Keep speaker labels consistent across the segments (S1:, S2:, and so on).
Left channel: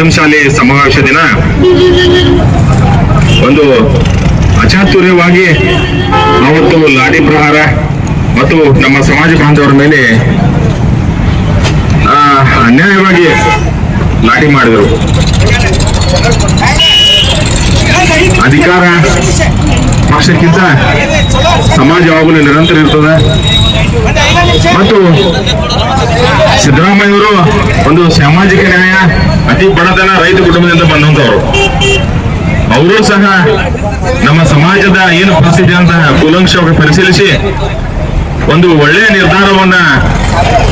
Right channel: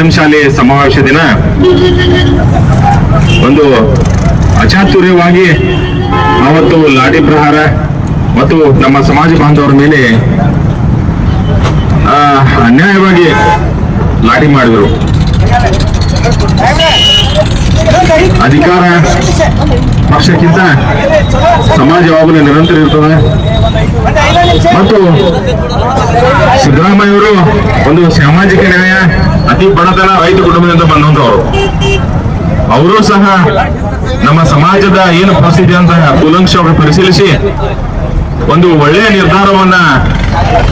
S1: ಪಂಚಮಶಾಲಿ ಸಮಾವೇಶ ದಿನ ಒಂದು ಅಚಾತುರ್ಯವಾಗಿ ಅವತ್ತು ಲಾಡಿ ಪ್ರಹಾರ ಮತ್ತು ನಮ್ಮ ಸಮಾಜ ಬಾಂಧವರ ಮೇಲೆ ಅನ್ಯಾಯವಾಗಿ ಲಾಟಿ ಮಾಡಿದರು. ಅಧಿಕಾರ ಪಕ್ಷಕ್ಕಿಂತ ಸಮಾಜ ಯಾವಾಗಲೂ ನಿರಂತರ ಇರ್ತದೆ. ಮತ್ತು ಸಿದ್ದರಾಮಯ್ಯವರು ಒಂದು ಸಾಮಾಜಿಕ ನ್ಯಾಯ, ಅತಿ ಬಡತನ ರೈತ ಕುಟುಂಬದಿಂದ ಬಂದಂತವರು ಅವರು ಸಹ ನಮ್ಮ ಸಮಾಜದ ಏನು ಪರಿಸ್ಥಿತಿ ಅಂತ ಕೂಲಂಕ್ಷವಾಗಿ ಪರಿಶೀಲಿಸಿ ಒಂದು ಒಳ್ಳೆಯ ನಿರ್ಧಾರವನ್ನ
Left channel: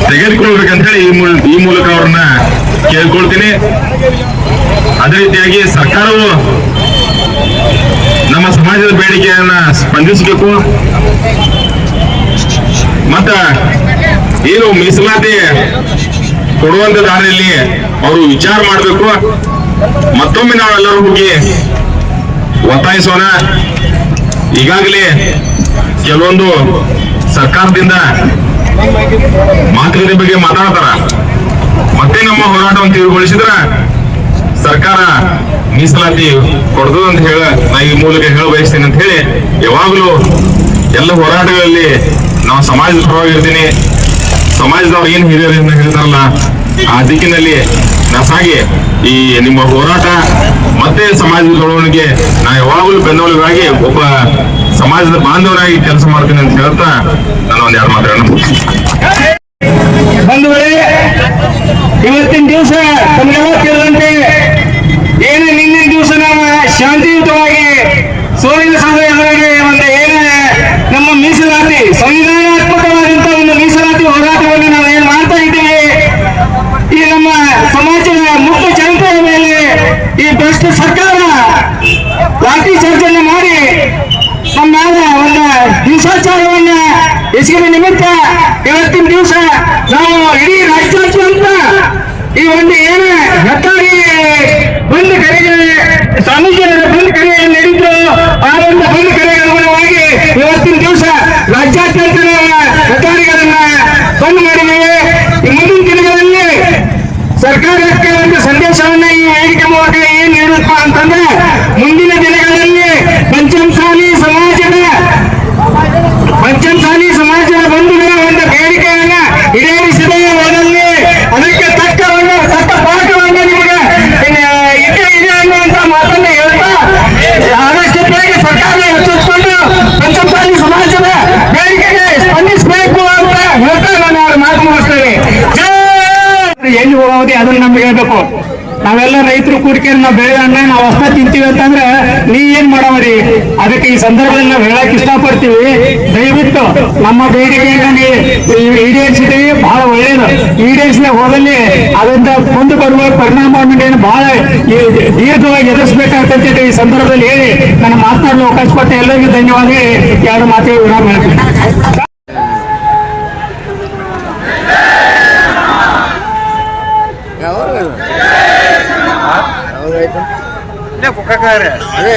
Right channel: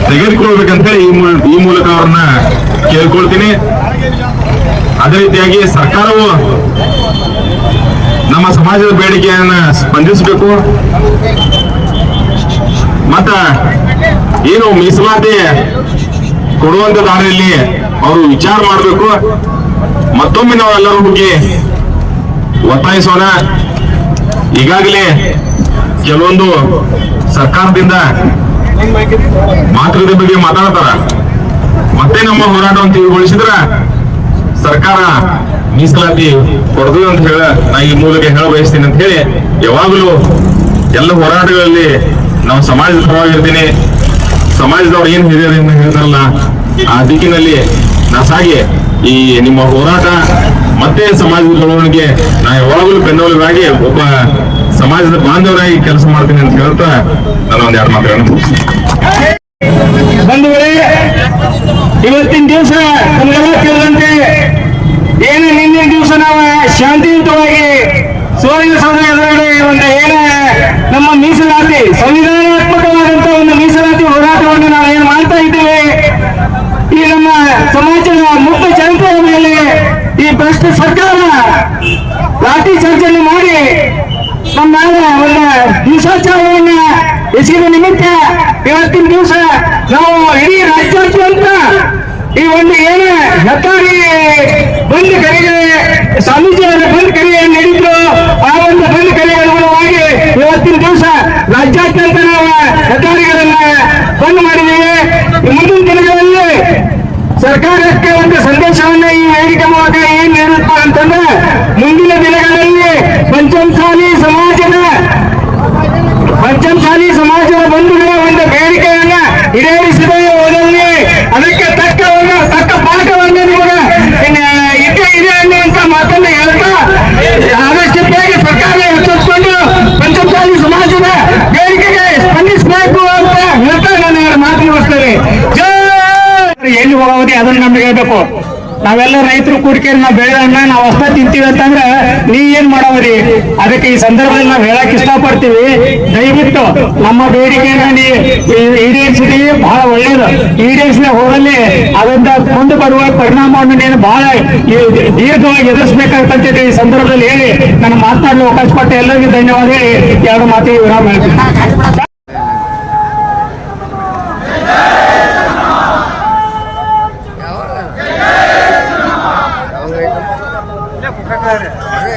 S1: ತೆಗೆದುಕೊಳ್ಬೇಕಂತ ಹೇಳಿ ಈ ಮೂಲಕ ಅವ್ರನ್ನ ಕೇಳ್ಕೊಳ್ತೀನಿ. ಅದೇ ರೀತಿಯಾಗಿ ಸರ್ಕಾರವು ನಮ್ಮ ಸಮಾಜದ ಬೇಡಿಕೆಯನ್ನ ಸ್ಪಂದಿಸಬೇಕು. ಮತ್ತ ಏನು ಮೀಸಲಾತಿ ಕೊಡುವಂತ ದಾರಿಯಲ್ಲಿ ಅವರು ವಿಚಾರ ಮಾಡಬೇಕು. ಮತ್ತೊಮ್ಮೆ ನಾವೆಲ್ಲರೂ ಹೋಗಿ ಒತ್ತಾಯಿಸೋಣ. ಈಗಾಗಲೇ ಕೆಲವೊಂದು ಸರ್ಕಾರದಿಂದ ಮಾತುಕತೆ ಬಗ್ಗೆ ಮಾತಾಡ್ತಾರ. ಮತ್ತೆ ನಮ್ಮ ಹೋರಾಟವನ್ನು ತೀವ್ರಗೊಳಿಸಿದ್ರ ಸರ್ಕಾರ ಮೀಸಲಾತಿ ಕೊಡ್ತದ ಅಂತ ಹೇಳ ನಾ ಈ ಮೂಲಕ ಹೇಳ ಬಯಸ್ತೀನಿ ಅಂತ ಹೇಳಿ ಯಾವಾಗಲೂ ಎಲ್ಲ ಹೋರಾಟಗಳಲ್ಲಿ ನಾವು ಸಮಾಜದ ಪರವಾಗಿ ಇರ್ತೀನಿ ಸಮಾಜದವ್ರು ಏನ್ ಹಿರಿಯರು ಏನ್ ಹೇಳ್ತಾರಲ್ಲ, ಆ ದಿಕ್ಕಿನಲ್ಲಿ ನಾ ಸಾಗಿ ಈ ನಿಮ್ಮ ಹೋರಾಟ ಮತ್ತೆ ಸಮಾಜದ ಬೆಳವಣಿಗೆ, ನಾ ಯಾವಾಗಲೂ ಬೆನ್ನೆಲುಬಾಗಿ ಒಬ್ಬ ಸಮಾಜದ ಬಾಂಧವನಾಗಿ ಕೆಲಸ ಮಾಡ್ತೀನಿ ಅಂತ ಹೇಳ್ತಾ ನಾನು ಒಂದ್ ಎರಡು
S2: ಮಾತ್ರ ಇವತ್ತಿನ ದಿವಸ ಕೇಳಿದಂತೆ ಏನು ನಿನ್ನಿನ ದಿವಸ ನಾವು ಶಾಂತಿಯುತವಾಗಿ ಸೂರ್ಯನ ಸಮಯದ ಒಂದು ಏನ ನಮ್ಮ ಮೀಸಲಾತಿ ಸಂವಿಧಾನಾತ್ಮಕವಾದಂತ ಒಂದು ಮೀಸಲಾತಿ ಹೋರಾಟವನ್ನು ನಾವು ಏನು ಮಾಡ್ತಾ ಇದ್ದೀವಿ ಈ ನಮ್ಮ ಸಮಾಜದ ಮುಕ್ತ ಜನತೆಯ ಮೇಲೆ ಈ ಭ್ರಷ್ಟ ಸರ್ಕಾರ ಲಾಠಿ ಚರ್ಚೆಯನ್ನು ಮಾಡಿ ನಮ್ಮ ಒಂದು ಹಿಂಸಾಚಾರವನ್ನ ಎಸಗಿದ ನಿಮಿತ್ತ ಇವತ್ತಿನ ದಿವಸ ನಾವು ಇಡೀ ರಾಜ್ಯಾದ್ಯಂತ ಈ ಒಂದು ಏನ ಹೆದ್ದಾರಿ ಬಂದು ಕರೆಗೆ ಸ್ವಾಮೀಜಿಯವರ ಬಂದ್ ಕರೆ ಏನ್ ನಡೀತು ಆ ಒಂದು ಬಂದ್ ಕರೆಗೆ ಅನುಗುಣವಾಗಿ ಇವತ್ತಿನ ದಿವಸ ರಾಜ್ಯಾದ್ಯಂತ ನಾವು ಹೆದ್ದಾರಿಗಳನ್ನ ಬಂದ್ ಮಾಡಿದ್ದೇವೆ ಈ ಮುಂದಿನ ದಿನಗಳಲ್ಲಿ ಸರ್ಕಾರಕ್ಕೆ ಒಂದು ಸಂದೇಶವನ್ನ ಈ ವೇದಿಕೆ ಮೂಲಕ ಏನ್ ನೀಡಪ್ಪ ಅಂತಂದ್ರೆ ಮುಂದಿನ ದಿನಗಳಲ್ಲಿ ಪಂಚಮಸಾಲಿ ಸಮಾಜದ ಪಂಚಮಸಾಲಿ ಸಮಾಜದ ಬಂಧುಗಳ ಒಂದು ಬೇಡಿಕೆಯನ್ನ ಈಡೇರಿಸಿದ ಹೋದಲ್ಲಿ ಅದಕ್ಕೆ ತಕ್ಕವನ್ನು ತಕ್ಕ ಪಾಠವನ್ನು ನಿಮಗೆ ಇದ್ದೇ ಇದೆ ಅನ್ನುವಂತ ಮಾತನ್ನು ಹೇಳ್ತಾ ಆದಷ್ಟು ಬೇಗ ಸರ್ಕಾರ ಎಚ್ಚರಿಸಿಕೊಂಡು ಪಂಚಮಸಾಲಿ ಸಮಾಜದ ಬೇಡಿಕೆಗೆ ಸ್ಪಂದಿಸಬೇಕು ಅಂತ ಹೇಳ್ತಾ ನಾನು ಎರಡು ಮಾತು ಮುಗಿಸ್ತೇನೆ ಜೈ ಎಲ್ಲಿ ಅದನ್ನ ನಮ್ಗೆ ಹೇಳ್ಬೇಕು. ನಾವೆಲ್ಲ ರೈತರು ಕೂಡಿಕೆ ನಾವು ಬೆಳೆ ನಾವು ಅಷ್ಟ ತಿಂತೀವಿ ಅಂತಂದ್ರೆ ನೀ ಏನ್ ಮಾಡವರಿ? ಅದಕ್ಕೆ ಈ ಸಂದರ್ಭದಲ್ಲಿ ನಾವು ಹೇಳಕ್ ಇಷ್ಟಪಡ್ತೀವಿ. ದಯವಿಟ್ಟು ನಮ್ಮ ಬೇಡಿಕೆಯನ್ನು ಈಡೇರಿಸಿದೀವಿ ಬಹಳ ಒಳ್ಳೇದು. ಈಡೇರಿಸಿದ ಹೋದಲ್ಲಿ ಅದರಿಂದ ಮುಂದೆ ಬರುವ ಪರಿಣಾಮವನ್ನು ನೀನು ಬಹಳ ದೀರ್ಘವಾಗಿ ಎದುರಿಸಬೇಕಾಗ್ತಂತ ಈ ಸಂದರ್ಭದಲ್ಲಿ ಹೇಳಿ. ನನ್ನ ಮಾತನಾಡಲು ಅವಕಾಶ ಪಟ್ಟ ಎಲ್ಲರಿಗೂ ಧನ್ಯವಾದ ಹೇಳಿ. ಎರಡು ಮಾತಿಗೆ ವಿರಾಮ ಹೇಳ್ತೀನಿ.
S3: என்ன ಕುಕ್ಕಕಾರೆ ಅದೇ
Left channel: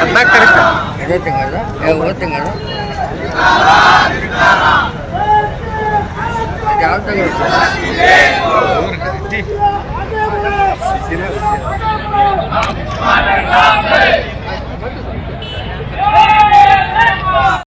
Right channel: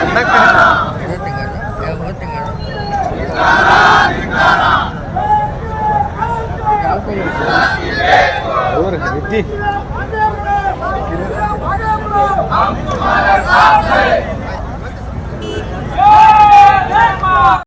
S3: ಅದೇ ಕರೆಕ್ಟ್ ಅದೇ ತಿಂಗಳು ಯಾವ ತಿಂಗಳು ಯಾವ ತಿಂಗಳು ಅವ್ರ ಬುದ್ಧಿ ಸಿರಿ